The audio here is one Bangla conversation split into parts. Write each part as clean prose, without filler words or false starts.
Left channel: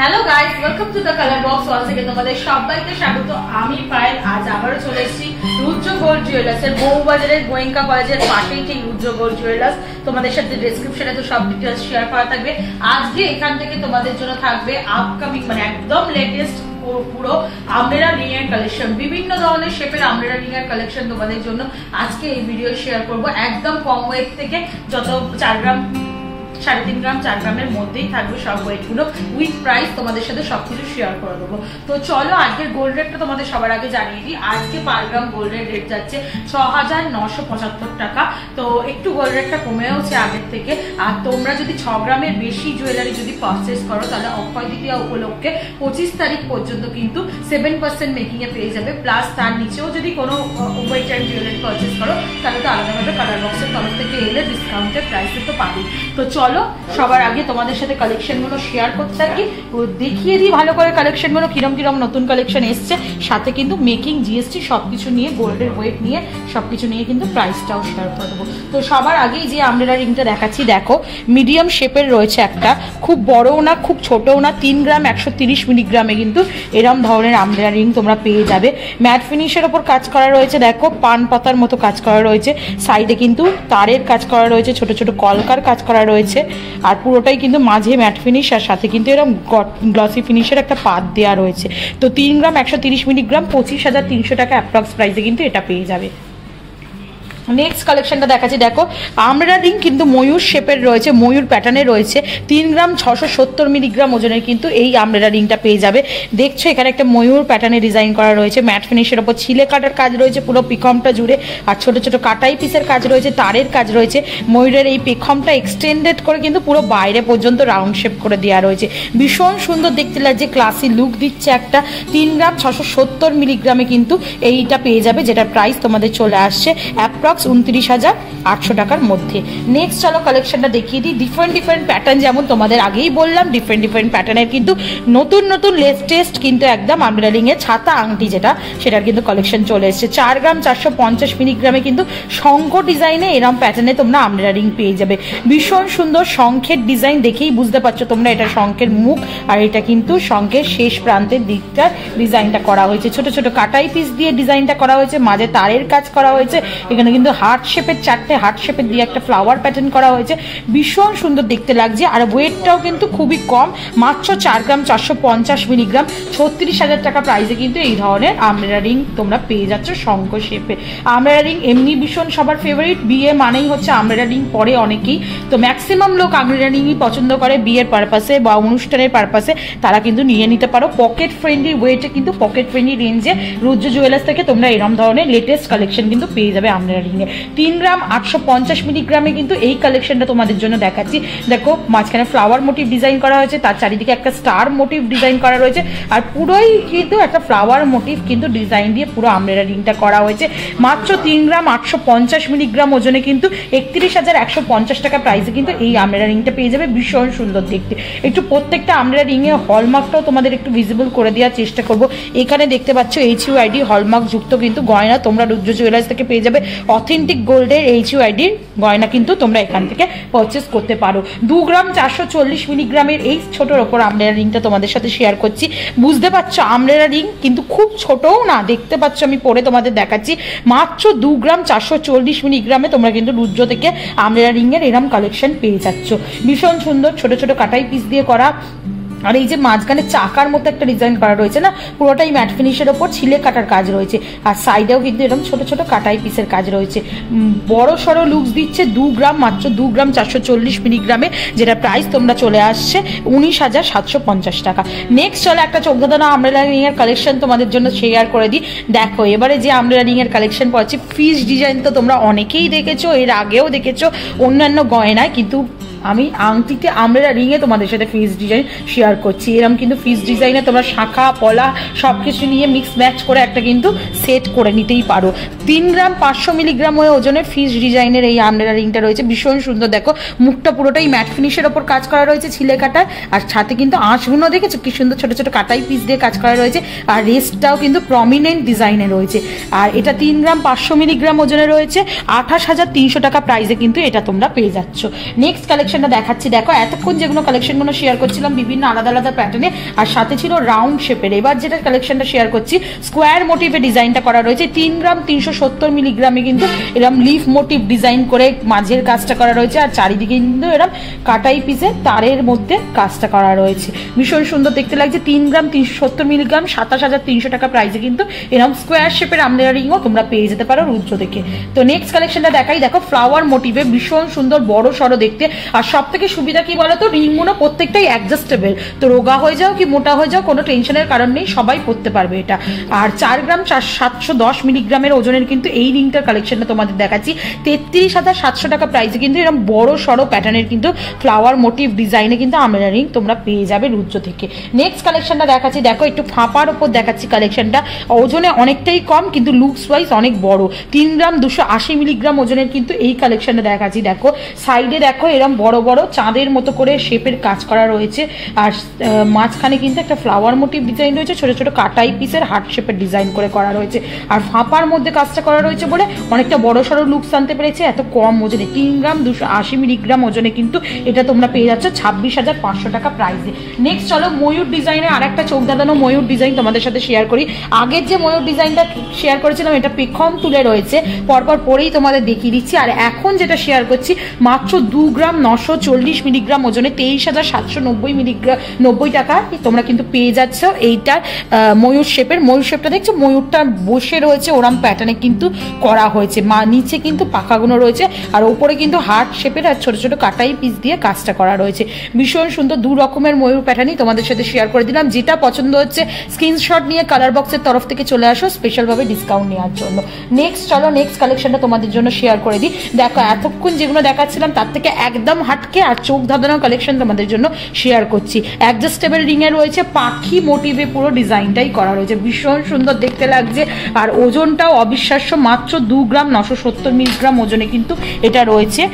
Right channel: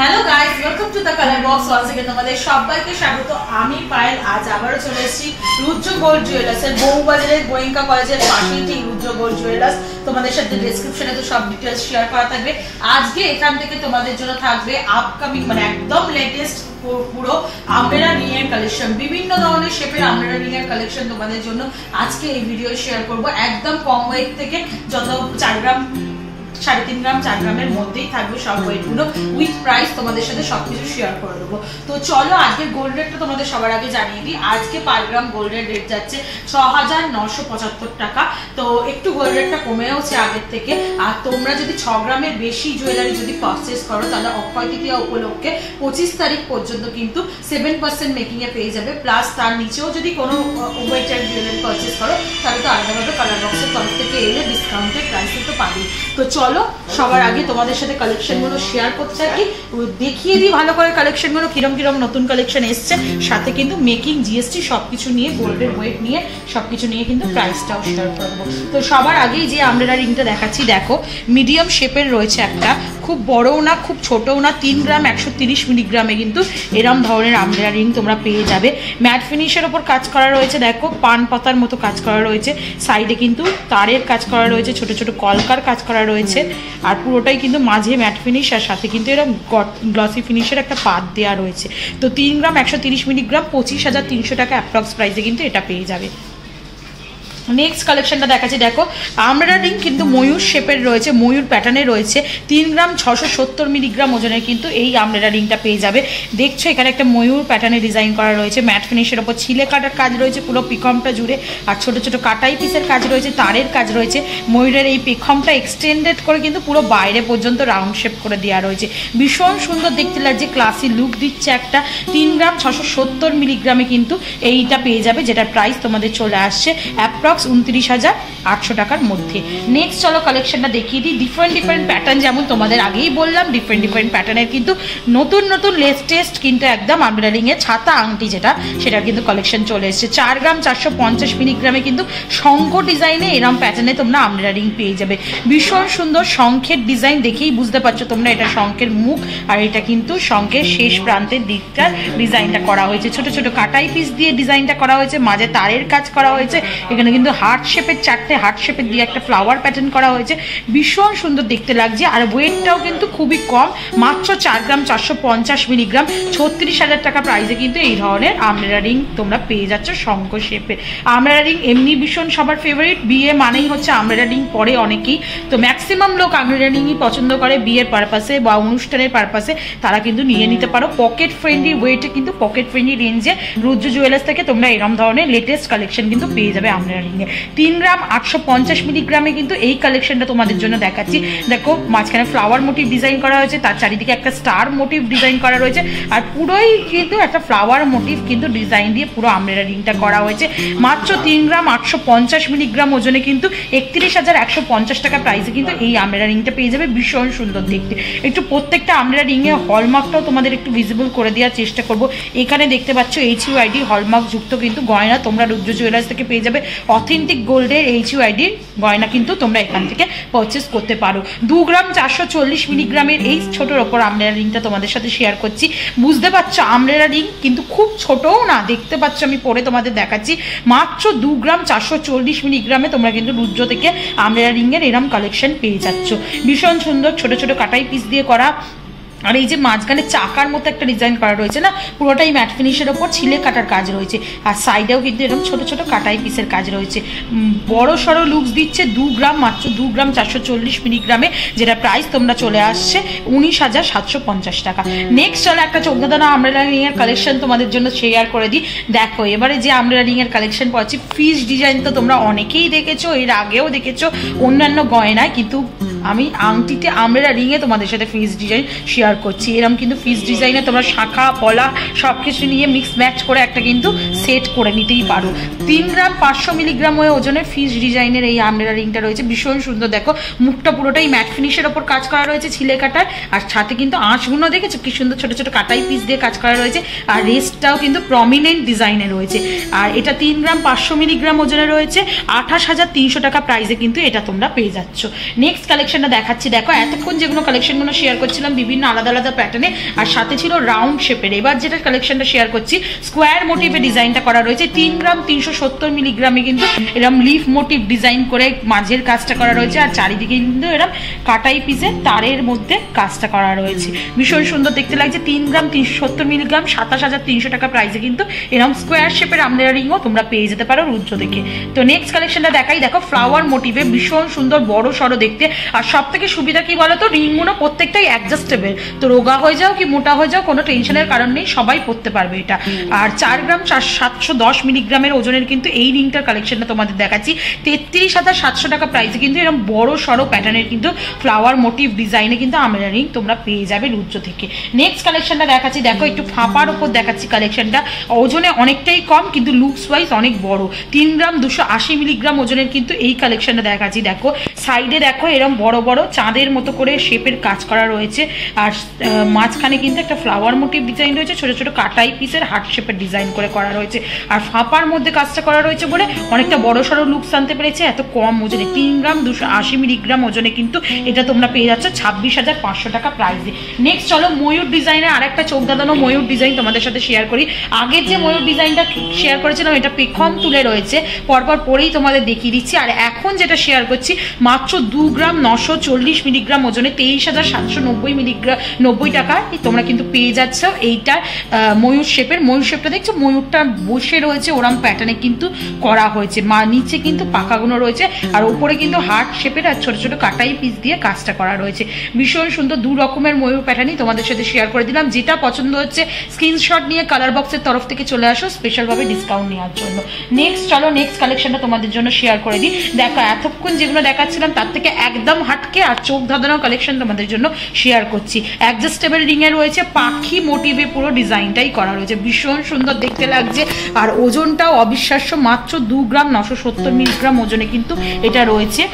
Hello guys, welcome to the colour box. Once again তোমাদের সবাইকে স্বাগত। আমি পায়েল আজ আবারও চলে এসেছি রুদ্র গোল্ড জুয়েলার্সের বউবাজারের গোয়েঙ্কা কলেজের পাশেই ঠিক রুদ্র গোল্ড জুয়েলার্স। তোমাদের সাথে ডেসক্রিপশনে তো সব ডিটেইলস শেয়ার করা থাকবে। আজকে এখান থেকে তোমাদের জন্য থাকবে আপকামিং মানে একদম লেটেস্ট পুরো আমব্রেলা রিং এর কালেকশন, বিভিন্ন ধরনের শেপের আমব্রেলা রিং এর কালেকশন তোমাদের জন্য আজকে এই ভিডিও শেয়ার করব। একদম কম ওয়েট থেকে যত 4 গ্রাম 3.5 গ্রাম 4 গ্রামের মধ্যেই থাকবে সব ওয়েটগুলো, উইথ প্রাইস তোমাদের সাথে সবকিছু শেয়ার করে দেবো। তো চলো আজকের গোল্ড রেটটা তোমাদের সবার আগে জানিয়ে দিই। আজকে পার গ্রাম গোল্ডের রেট যাচ্ছে 6,975 টাকা। তো একটু গোল্ড রেটটা কমেওছে আগের থেকে। আর তোমরা যদি 6 গ্রামের বেশি জুয়েলারি যদি পারচেস করো তাহলে অক্ষয় তৃতীয়া উপলক্ষে 25 তারিখ পর্যন্ত কিন্তু 7% মেকিং এ পেয়ে যাবে। প্লাস তার নিচেও যদি কোনো ওয়েটের জুয়েলারি পারচেস করো তাহলে তো আলাদাভাবে কালার বক্সের তরফ থেকে এলে ডিসকাউন্টের প্রাইসে তো পাবি। তো চলো সবার আগে তোমাদের সাথে কালেকশনগুলো শেয়ার করতে থাকি, দেখিয়ে দিই ভালো করে কালেকশনগুলো কিরম কিরম নতুন কালেকশন এসছে, সাথে কিন্তু মেকিং জিএসটি সবকিছু নিয়ে গোল্ডের ওয়েট নিয়ে সবকিছু নিয়ে কিন্তু প্রাইসটাও শেয়ার করবো। তো সবার আগেই যে আমব্রেলা রিংটা দেখাচ্ছি, দেখো মিডিয়াম শেপের রয়েছে একটা, খুব বড়ও না খুব ছোটও না, 3 গ্রাম 130 মিলিগ্রামে কিন্তু এরম ধরনের আমব্রেলা রিং তোমরা পেয়ে যাবে। ম্যাট ফিনিশের ওপর কাজ করা রয়েছে, দেখো পান পাতার মতো কাজ করা রয়েছে, সাইডে কিন্তু তারের কাজ করা রয়েছে, ছোট ছোট কলকার কাজ করা রয়েছে, আর পুরোটাই কিন্তু মাঝে ম্যাট ফিনিশ আর সাথে কিন্তু এরকম গ্লসি ফিনিশের একটা পাত দেওয়া রয়েছে। তো 3 গ্রাম 130 মিলিগ্রাম 25,300 টাকা অ্যাপ্রক্স প্রাইসে কিন্তু এটা পেয়ে যাবে। নেক্সট কালেকশনটা দেখাচ্ছি, দেখো আমব্রেলা রিং কিন্তু ময়ূর শেপের রয়েছে, ময়ূর প্যাটার্নে রয়েছে, 3 গ্রাম 670 মিলিগ্রাম ওজনের কিন্তু এই আমব্রেলা রিংটা পেয়ে যাবে। দেখছো এখানে একটা ময়ূর প্যাটার্নে ডিজাইন করা রয়েছে, ম্যাট ফিনিশের ওপর ছিলে কাটার কাজ রয়েছে পুরো পিকমটা জুড়ে, আর ছোট ছোট কাটাই পিসের কাজ রয়েছে, তারের কাজ রয়েছে, ময়ূরের এই পিকমটা এক্সটেন্ডেড করে কিন্তু পুরো বাইরে পর্যন্ত রাউন্ড শেপ করে দেওয়া রয়েছে। ভীষণ সুন্দর দেখতে লাগছে, ক্লাসি লুক দিচ্ছে একটা। 3 গ্রাম 670 মিলিগ্রামে কিন্তু এইটা পেয়ে যাবে, যেটার প্রাইস তোমাদের চলে আসছে অ্যাপ্রক্স 29,800 টাকার মধ্যে। নেক্সট চলো কালেকশনটা দেখিয়ে দিই। ডিফারেন্ট প্যাটার্ন, যেমন তোমাদের আগেই বললাম ডিফারেন্ট প্যাটার্নের কিন্তু নতুন লেটেস্ট কিন্তু একদম আমব্রেলা রিং এর ছাতা আংটি সেটার কিন্তু কালেকশন চলে এসেছে। 4 গ্রাম 450 মিলিগ্রামে কিন্তু শঙ্খ ডিজাইনে এরম প্যাটার্নে তোমরা আমব্রেলা রিং পেয়ে যাবে। ভীষণ সুন্দর শঙ্খের ডিজাইন, দেখেই বুঝতে পারছো তোমরা এটা শঙ্খের মুখ, আর এটা কিন্তু শঙ্খের শেষ প্রান্তের দিকটার ডিজাইনটা করা হয়েছে, ছোট ছোট কাটাই পিস দিয়ে ডিজাইনটা করা হয়েছে, মাঝে তারের কাজ করা হয়েছে, এখানে কিন্তু হার্ট শেপের 4টে হার্ট শেপের দিয়ে একটা ফ্লাওয়ার প্যাটার্ন করা হয়েছে। ভীষণ সুন্দর দেখতে লাগছে, আর ওয়েটটাও কিন্তু খুবই কম, মাত্র 4 গ্রাম 450 মিলিগ্রাম 36,000 টাকা প্রাইসে কিন্তু এই ধরনের আমব্রেলা রিং তোমরা পেয়ে যাচ্ছ শঙ্খ শেপের। আমব্রেলা রিং এমনি ভীষণ সবার ফেভারিট, বিয়ে মানেই হচ্ছে আমব্রেলা রিং পরে অনেকেই, তো ম্যাক্সিমাম লোক আমব্রেলা রিংই পছন্দ করে বিয়ের পারপাসে বা অনুষ্ঠানের পারপাসে, তারা কিন্তু নিয়ে নিতে পারো। পকেট ফ্রেন্ডলি ওয়েটে কিন্তু পকেট ফ্রেন্ডলি রেঞ্জে রুদ্র জুয়েলার্স থেকে তোমরা এরকম ধরনের লেটেস্ট কালেকশন কিন্তু পেয়ে যাবে আমব্রেলা রিং এ। 3 গ্রাম 850 মিলিগ্রামে কিন্তু এই কালেকশনটা তোমাদের জন্য দেখাচ্ছি। দেখো মাঝখানে ফ্লাওয়ার মোটিভ ডিজাইন করা হয়েছে, তার চারিদিকে একটা স্টার মোটিভ ডিজাইন করা রয়েছে, আর পুরোই কিন্তু একটা ফ্লাওয়ার মোটিভ কিন্তু ডিজাইন দিয়ে পুরো আমব্রেলা রিংটা করা হয়েছে। মাত্র 3 গ্রাম 850 মিলিগ্রাম ওজনে কিন্তু 31,150 টাকা প্রাইসে কিন্তু এই আমব্রেলা রিংটা পেয়ে যাবে। ভীষণ সুন্দর দেখতে। একটু প্রত্যেকটা আমব্রেলা রিং এ হলমার্কটাও তোমাদের একটু ভিজিবল করে দেওয়ার চেষ্টা করব। এখানে দেখতে পাচ্ছ HUID হলমার্ক যুক্ত কিন্তু গয়না তোমরা রুদ্র জুয়েলার্স থেকে পেয়ে যাবে। অথেন্টিক গোল্ডের HUIDর গয়না কিন্তু তোমরা এখান থেকে পারচেস করতে পারো। 2 গ্রাম 440 মিলিগ্রামের এই ছোটোর ওপর আমব্রেলা রিংটা তোমাদের সাথে শেয়ার করছি। বুঝতে পারছো আমব্রেলা রিং কিন্তু খুব ছোটও না, দেখতে পাচ্ছ আমি পরে তোমাদের দেখাচ্ছি। মাত্র 2 গ্রাম 440 মিলিগ্রামে তোমরা কিন্তু রুদ্র থেকে আমব্রেলা রিং এর এরম কালেকশন পেয়ে যাচ্ছ। ভীষণ সুন্দর ছোট ছোট কাটাই পিস দিয়ে করা, আর এই যে মাঝখানে চাকার মতো একটা ডিজাইন করা রয়েছে না, পুরোটাই ম্যাট ফিনিশের ওপর ছিলে কাটার কাজ রয়েছে, আর সাইডেও কিন্তু এরকম ছোট ছোট কাটাই পিসের কাজ রয়েছে। বড় সড়ো লুকস দিচ্ছে। 2 গ্রাম মাত্র 2 গ্রাম 440 মিলিগ্রামে, যেটা প্রাইস তোমরা চলে আসছে 19,750 টাকা। নেক্সট চলে একটা 14 দানা আমব্রেলা রিং এর কালেকশন তোমাদের জন্য শেয়ার করে দিই। দেখো এবারে যে আমব্রেলা রিং এর কালেকশন পাচ্ছি, ফিস ডিজাইন তো তোমরা অনেকেই দেখেছো, এর আগেও দেখেছো অন্যান্য গয়নায়, কিন্তু আমি আংটিতে আমব্রেলা রিং এ তোমাদের সাথে ফিস ডিজাইন শেয়ার করছি। এরকম কিন্তু ফিস ডিজাইনে তোমরা শাখা পলা সবকিছু নিয়ে মিক্স ম্যাচ করে একটা কিন্তু সেট করে নিতেই পারো। 3 গ্রাম 500 মিলিগ্রাম ওজনের ফিস ডিজাইনের এই আমব্রেলা রিংটা রয়েছে। ভীষণ সুন্দর, দেখো মুখটা পুরোটাই ম্যাট ফিনিশের ওপর কাজ করা রয়েছে ছিলে কাটায়, আর সাথে কিন্তু আঁচগুলো দেখেছো কি সুন্দর ছোট ছোট কাটাই পিস দিয়ে কাজ করা রয়েছে, আর রেস্টটাও কিন্তু প্রমিনেন্ট ডিজাইনে রয়েছে। আর এটা 3 গ্রাম 500 মিলিগ্রাম ওজনে রয়েছে, 28,300 টাকা প্রাইসে কিন্তু এটা তোমরা পেয়ে যাচ্ছ। নেক্সট কালেকশন কালেকশনটা দেখাচ্ছি। দেখো এতক্ষণ যেগুলো কালেকশনগুলো শেয়ার করছিলাম বিভিন্ন আলাদা আলাদা প্যাটার্নে, আর সাথে ছিল রাউন্ড শেপের। এবার যেটা কালেকশনটা শেয়ার করছি স্কোয়ার মোটিভে ডিজাইনটা করা রয়েছে। 3 গ্রাম 370 মিলিগ্রামে কিন্তু এরকম লিফ মোটিভ ডিজাইন করে মাঝের কাজটা করা রয়েছে, আর চারিদিকে কিন্তু এরকম কাটাই পিসে তারের মধ্যে কাজটা করা রয়েছে। ভীষণ সুন্দর দেখতে লাগছে। 3 গ্রাম 370 মিলিগ্রাম 27,300 টাকা প্রাইসে কিন্তু এরকম স্কোয়ার শেপের আমলেরা রিংও তোমরা পেয়ে যেতে পারো রুদ্র থেকে। তো নেক্সট কালেকশনটা দেখাই। দেখো ফ্লাওয়ার মোটিভে ভীষণ সুন্দর বড় সড়ো দেখতে, আর সব থেকে সুবিধা কি বলতো, রিংগুলো প্রত্যেকটাই অ্যাডজাস্টেবল। তো রোগা হয়ে যাও কি মোটা হয়ে যাও কোনো টেনশনের কারণ নেই, সবাই পড়তে পারবে এটা। আর 4 গ্রাম 710 মিলিগ্রামের ওজনের কিন্তু এই রিংটার কালেকশনটা তোমাদের দেখাচ্ছি। 33,700 টাকা প্রাইসে কিন্তু এরকম বড় সড়ো প্যাটার্নের কিন্তু ফ্লাওয়ার মোটিভ ডিজাইনে কিন্তু আমলেরা রিং তোমরা পেয়ে যাবে রুদ্র থেকে। নেক্সট কালেকশনটা দেখাচ্ছি। দেখো একটু ফাঁপার উপর দেখাচ্ছি কালেকশনটা। ওজনে অনেকটাই কম কিন্তু লুকস ওয়াইজ অনেক বড়। 3 গ্রাম 280 মিলিগ্রাম ওজনের কিন্তু এই কালেকশনটা দেখাচ্ছি। দেখো সাইডে দেখো এরকম বড় বড় চাঁদের মতো করে শেপের কাজ করা রয়েছে, আর মাঝখানে কিন্তু একটা ফ্লাওয়ার মোটিভ ডিজাইন রয়েছে, ছোট ছোট কাটাই পিসের হার্ট শেপের ডিজাইন করে করা রয়েছে। আর ফাঁপার মধ্যে কাজটা করা রয়েছে বলে অনেকটা বড় সড়ো লুকস আনতে পেরেছে এত কম ওজনে। 3 গ্রাম 280 মিলিগ্রাম ওজনে কিন্তু এটা তোমরা পেয়ে যাচ্ছ 26,500 টাকা প্রাইসে। নেক্সট চলো ময়ূর ডিজাইনের আর একটা চোখ ধাঁধানো ময়ূর ডিজাইন তোমাদের সাথে শেয়ার করি। আগের যে ময়ূর ডিজাইনটা শেয়ার করেছিলাম এটা পেখম তুলে রয়েছে, পরপর পরেই তোমাদের দেখিয়ে দিচ্ছি। আর এখন যেটা শেয়ার করছি মাত্র 2 গ্রাম 940 মিলিগ্রাম ওজনে 23,790 টাকা তোমরা কিন্তু পেয়ে যাচ্ছ এইটার ময়ূর শেপের। ময়ূর শেপটা দেখছো, ময়ূরটা বসে রয়েছে ওরাম প্যাটার্নে কিন্তু করা হয়েছে, নিচে কিন্তু পাখাগুলো রয়েছে, আর ওপরে কিন্তু হার্ট শেপের আর ছোট ছোট কাটাই পিস দিয়ে কাজটা করা রয়েছে। ভীষণ সুন্দর 2 রকমের ময়ূর প্যাটার্নই তোমাদের সাথে শেয়ার করে দিলাম। যেটা পছন্দ হচ্ছে স্ক্রিনশট নিয়ে কালার বক্সের তরফ থেকে চলে আসো স্পেশালভাবে ডিসকাউন্ট নেওয়ার জন্য। নেক্সট চলো নেক্সট কালেকশনটা তোমাদের জন্য শেয়ার করে দিই। দেখো এতক্ষণ যেগুলো দেখাচ্ছিলাম তার থেকে একদম হাটকে আর চোখ ধাঁধানো কালেকশন তোমাদের জন্য শেয়ার করছি। অ্যাডজাস্টেবল রিংয়ে রয়েছে পাখি মোটিভে পুরো ডিজাইনটাই করা রয়েছে, ভীষণ সুন্দর দেখতে লাগছে। আর ওজনটাও অবিশ্বাস্য, মাত্র 2 গ্রাম 970 মিলিগ্রাম ওজনে কিন্তু এটা রয়েছে,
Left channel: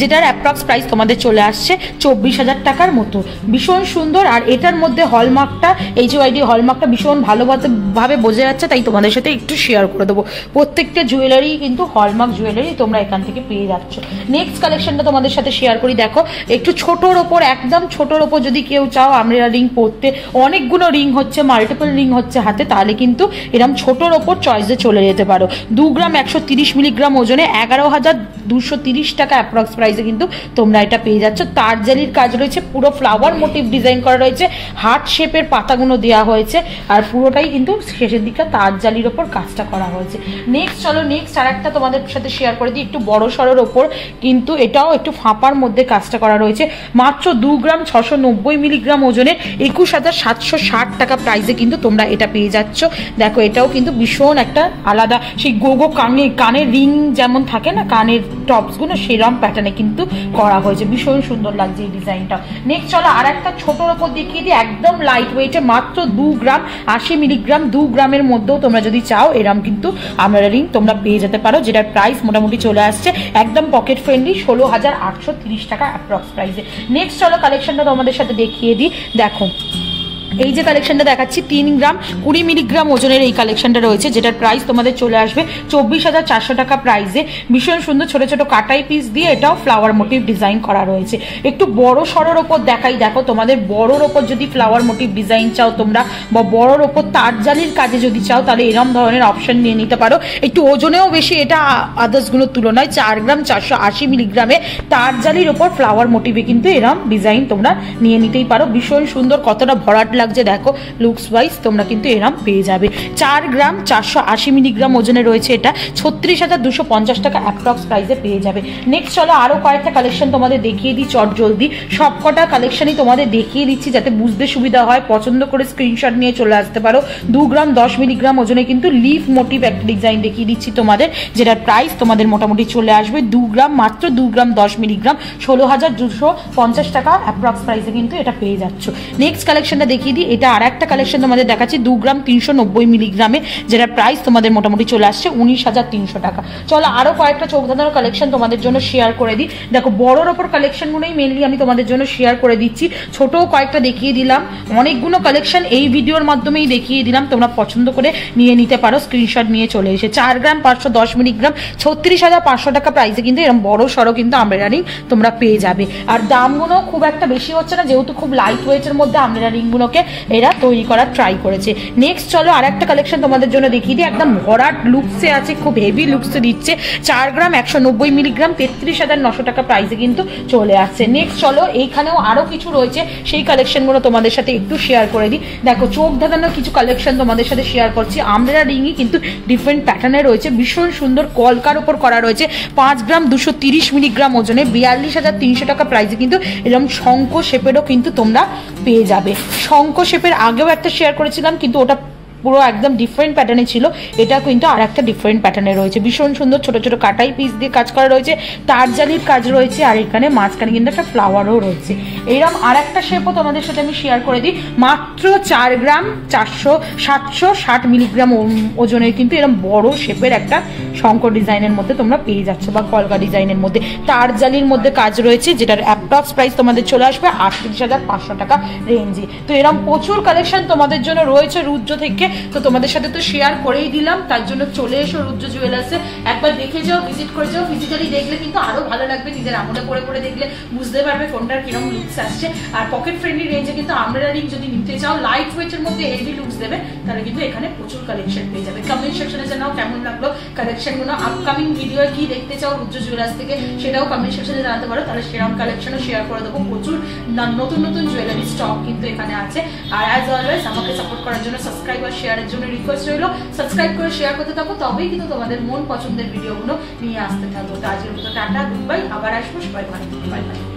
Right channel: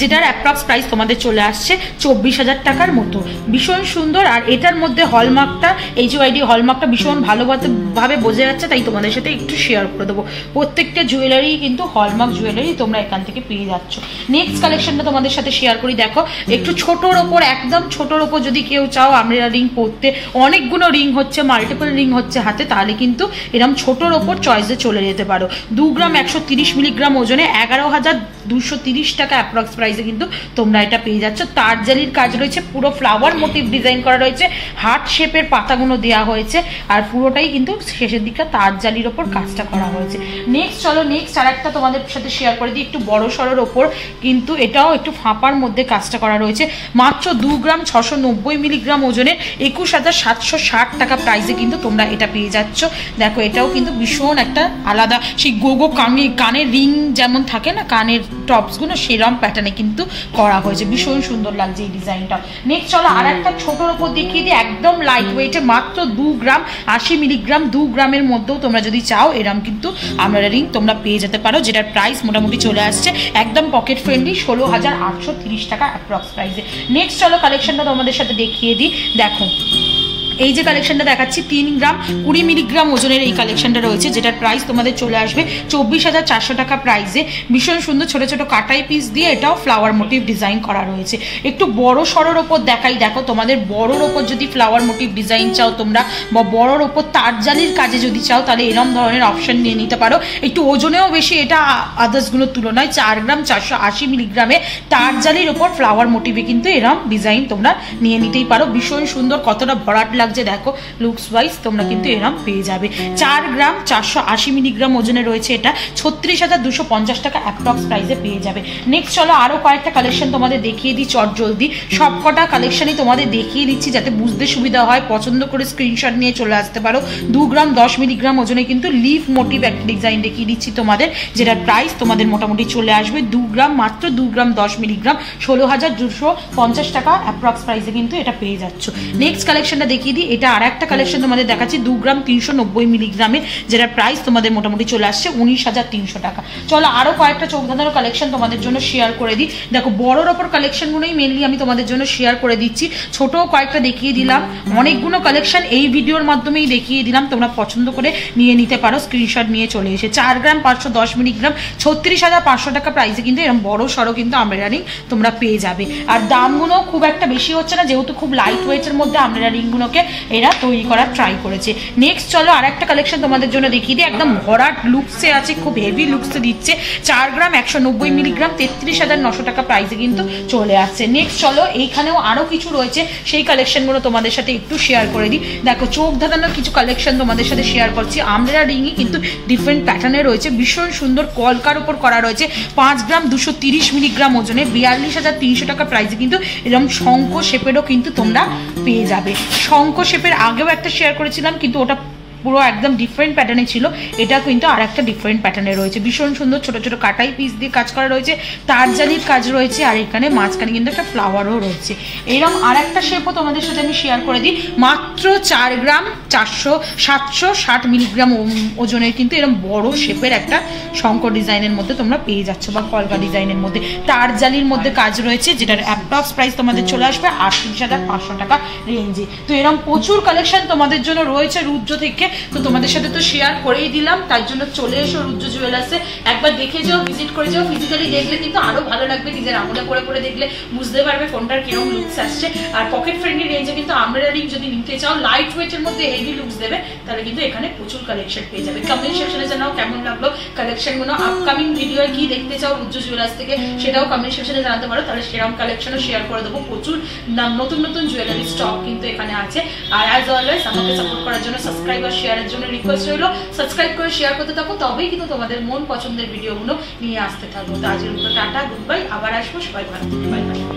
যেটার অ্যাপ্রক্স প্রাইস তোমাদের চলে আসছে 24,000 টাকার মতো। ভীষণ সুন্দর। আর এটার মধ্যে হলমার্কটা HYD হলমার্কটা ভীষণ ভালোভাবে বোঝা যাচ্ছে, তাই তোমাদের সাথে একটু শেয়ার করে দেবো। প্রত্যেকটা জুয়েলারি কিন্তু হলমার্ক জুয়েলারি তোমরা এখান থেকে পেয়ে যাচ্ছ। নেক্সট কালেকশনটা তোমাদের সাথে শেয়ার করি। দেখো একটু ছোটোর ওপর, একদম ছোটোর ওপর যদি কেউ চাও আমরা রিং পরতে, অনেকগুলো রিং হচ্ছে, মাল্টিপল রিং হচ্ছে হাতে, তাহলে কিন্তু এরকম ছোটোর ওপর চয়েসে চলে যেতে পারো। 2 গ্রাম 130 মিলিগ্রাম ওজনে 11,230 টাকা অ্যাপ্রক্স প্রাইসে কিন্তু তোমরা এটা পেয়ে যাচ্ছ। তার জালির কাজ রয়েছে, পুরো ফ্লাওয়ার মোটিভ ডিজাইন করা রয়েছে, হার্ট শেপের পাতাগুলো দেওয়া হয়েছে, আর পুরোটাই কিন্তু শেষের দিকটা তার জালির ওপর কাজটা করা হয়েছে। নেক্সট চলো নেক্সট আর একটা তোমাদের সাথে শেয়ার করে দিই। একটু বড় সড়োর ওপর কিন্তু এটাও একটু ফাঁপার মধ্যে কাজটা করা রয়েছে। মাত্র 2 গ্রাম 690 মিলিগ্রাম ওজনের 21,760 টাকা প্রাইসে কিন্তু তোমরা এটা পেয়ে যাচ্ছ। দেখো এটাও কিন্তু ভীষণ একটা আলাদা, সেই গোগো কানের রিং যেমন থাকে না কানের টপসগুলো, সেরকম প্যাটার্নে কিন্তু করা হয়েছে। ভীষণ সুন্দর লাগছে এই ডিজাইনটা। নেক্সট চলো আর একটা ছোটোর ওপর দেখিয়ে দিই, একদম লাইট ওয়েটে মাত্র 2 গ্রাম 80 মিলিগ্রাম। 2 গ্রামের মধ্যেও তোমরা যদি চাও এরম কিন্তু আমরা রিং তোমরা পেয়ে যেতে পারো, যেটার প্রাইস মোটামুটি চলে আসছে একদম পকেট ফ্রেন্ডলি 16,830 টাকা অ্যাপ্রক্স প্রাইসে। নেক্সট চলো কালেকশনটা তোমাদের সাথে দেখিয়ে দিই। দেখো এই যে কালেকশনটা দেখাচ্ছি 3 গ্রাম 20 মিলিগ্রাম ওজনের এই কালেকশনটা রয়েছে, যেটার প্রাইস তোমাদের চলে আসবে 24,400 টাকা প্রাইসে। ভীষণ সুন্দর ছোট ছোট কাটাই পিস দিয়ে এটাও ফ্লাওয়ার মোটিভ ডিজাইন করা রয়েছে। একটু বড় সড়োর ওপর দেখাই। দেখো তোমাদের বড়োর ওপর যদি ফ্লাওয়ার মোটিভ ডিজাইন চাও তোমরা, বা বড়োর ওপর তার জালির কাজে যদি চাও, তাহলে এরম ধরনের অপশন নিয়ে নিতে পারো। একটু ওজনেও বেশি এটা আদার্সগুলোর তুলনায়। 4 গ্রাম 480 মিলিগ্রামে তার জালির ওপর ফ্লাওয়ার মোটিভে কিন্তু এরম ডিজাইন তোমরা নিয়ে নিতেই পারো। ভীষণ সুন্দর, কতটা ভরাট লাগছে দেখো, লুকস ওয়াইজ তোমরা কিন্তু এরম পেয়ে যাবে। 4 গ্রাম 480 মিলিগ্রাম ওজনে রয়েছে এটা, 36,250 টাকা অ্যাপ্রক্স প্রাইসে পেয়ে যাবে। নেক্সট চলো আরো কয়েকটা কালেকশন তোমাদের দেখিয়ে দিই চট জলদি। সবকটা কালেকশনই তোমাদের দেখিয়ে দিচ্ছি যাতে বুঝতে সুবিধা হয়, পছন্দ করে স্ক্রিনশট নিয়ে চলে আসতে পারো। 2 গ্রাম 10 মিলিগ্রাম ওজনে কিন্তু লিফ মোটিভ একটা ডিজাইন দেখিয়ে দিচ্ছি তোমাদের, যেটার প্রাইস তোমাদের মোটামুটি চলে আসবে 2 গ্রাম মাত্র 2 গ্রাম 10 মিলিগ্রাম 16,250 টাকা অ্যাপ্রক্স প্রাইসে কিন্তু এটা পেয়ে যাচ্ছ। নেক্সট কালেকশনটা দেখিয়ে দেখিয়ে দিই, এটা আর একটা কালেকশন তোমাদের দেখাচ্ছি 2 গ্রাম 390 মিলিগ্রামে, যেটার প্রাইস তোমাদের মোটামুটি চলে আসছে 19,300 টাকা। চলো আরো কয়েকটা চোখ ধাঁধানোর কালেকশন তোমাদের জন্য শেয়ার করে দিই। দেখো বড়োর ওপর কালেকশনগুলোই মেনলি আমি তোমাদের জন্য শেয়ার করে দিচ্ছি, ছোটও কয়েকটা দেখিয়ে দিলাম, অনেকগুলো কালেকশন এই ভিডিওর মাধ্যমেই দেখিয়ে দিলাম, তোমরা পছন্দ করে নিয়ে নিতে পারো, স্ক্রিনশট নিয়ে চলে এসে। 4 গ্রাম 510 মিলিগ্রাম 36,500 টাকা প্রাইসে কিন্তু এরকম বড় সড়ো কিন্তু আমব্রেলা রিং তোমরা পেয়ে যাবে। আর দামগুলো খুব একটা বেশি হচ্ছে না, যেহেতু খুব লাইট ওয়েটের মধ্যে আমব্রেলা রিংগুলোকে এরা তৈরি করার ট্রাই করেছে। নেক্সট চলো আর একটা কালেকশন তোমাদের জন্য দেখিয়ে দিই, একদম ভরাট লুকসে আছে, খুব হেভি লুকসে দিচ্ছে। 4 গ্রাম 190 মিলিগ্রাম 33,900 টাকা প্রাইসে কিন্তু চলে আসছে। নেক্সট চলো এইখানেও আরো কিছু রয়েছে, সেই কালেকশনগুলো তোমাদের সাথে একটু শেয়ার করে দিই। দেখো চোখ ধাঁধানোর কিছু কালেকশন তোমাদের সাথে শেয়ার করছি, আমব্রেলা রিংই কিন্তু ডিফারেন্ট প্যাটার্নে রয়েছে, ভীষণ সুন্দর কলকার উপর করা রয়েছে। 5 গ্রাম 230 মিলিগ্রাম ওজনে 42,300 টাকা প্রাইসে কিন্তু এরকম শঙ্খ শেপেরও কিন্তু তোমরা পেয়ে যাবে। শঙ্খ শেপের আগেও একটা শেয়ার করেছিলাম, কিন্তু ওটা পুরো একদম ডিফারেন্ট প্যাটার্নে ছিল, এটা কিন্তু আর একটা ডিফারেন্ট প্যাটার্নে রয়েছে, ভীষণ সুন্দর ছোট ছোট কাটাই পিস দিয়ে কাজ করা রয়েছে, তারজালির কাজ রয়েছে, আর এখানে মাঝখানে কিন্তু একটা ফ্লাওয়ারও রয়েছে। এইরকম আর একটা শেপও তোমাদের সাথে আমি শেয়ার করে দিই, মাত্র 4 গ্রাম 760 মিলিগ্রাম ওজনের কিন্তু এরকম বড় শেপের একটা শঙ্কর ডিজাইনের মধ্যে তোমরা পেয়ে যাচ্ছ, বা কলকা ডিজাইনের মধ্যে তারজালির মধ্যে কাজ রয়েছে, যেটার অ্যাপ্রক্স প্রাইস তোমাদের চলে আসবে 38,500 টাকা রেঞ্জে। তো এরকম প্রচুর কালেকশন তোমাদের জন্য রয়েছে রুদ্র থেকে, তো তোমাদের সাথে তো শেয়ার করেই দিলাম, তার জন্য চলে এসো রুদ্র জুয়েলার্সে, একবার দেখে যাও, ভিজিট করে যাও। ফিজিক্যালি দেখলে কিন্তু আরো ভালো লাগবে, নিজের আঙুলে পরে পরে দেখলে বুঝতে পারবে কোনটার কিরকম লুকস আসছে। আর পকেট ফ্রেন্ডলি রেঞ্জে কিন্তু আমব্রেলা রিং যদি নিতে চাও, লাইট ওয়েটের মধ্যে হেভি লুকস দেবে, তাহলে কিন্তু এখানে প্রচুর কালেকশন পেয়ে যাবে। কমেন্ট সেকশনে জানাও কেমন লাগলো কালেকশনগুলো, আপকামিং ভিডিও কি দেখতে চাও রুদ্র জুয়েলার্স থেকে সেটাও কমেন্ট সেকশনে জানাতে পারো, তাহলে সেরকম কালেকশনও শেয়ার করে দেবো। প্রচুর নতুন নতুন জুয়েলারি স্টক কিন্তু এখানে আছে। আর অ্যাজ অলওয়েজ আমাকে সাপোর্ট করার জন্য সাবস্ক্রাইব আর শেয়ারের জন্য রিকোয়েস্ট রইলো, সাবস্ক্রাইব করে শেয়ার করতে থাকো, তবেই কিন্তু তোমাদের মন পছন্দের ভিডিওগুলো নিয়ে আসতে থাকবো। তো আজকের মতো টাটা, গুড বাই, আবার আসবো, সবাই ভালো থাকো, বাই বাই।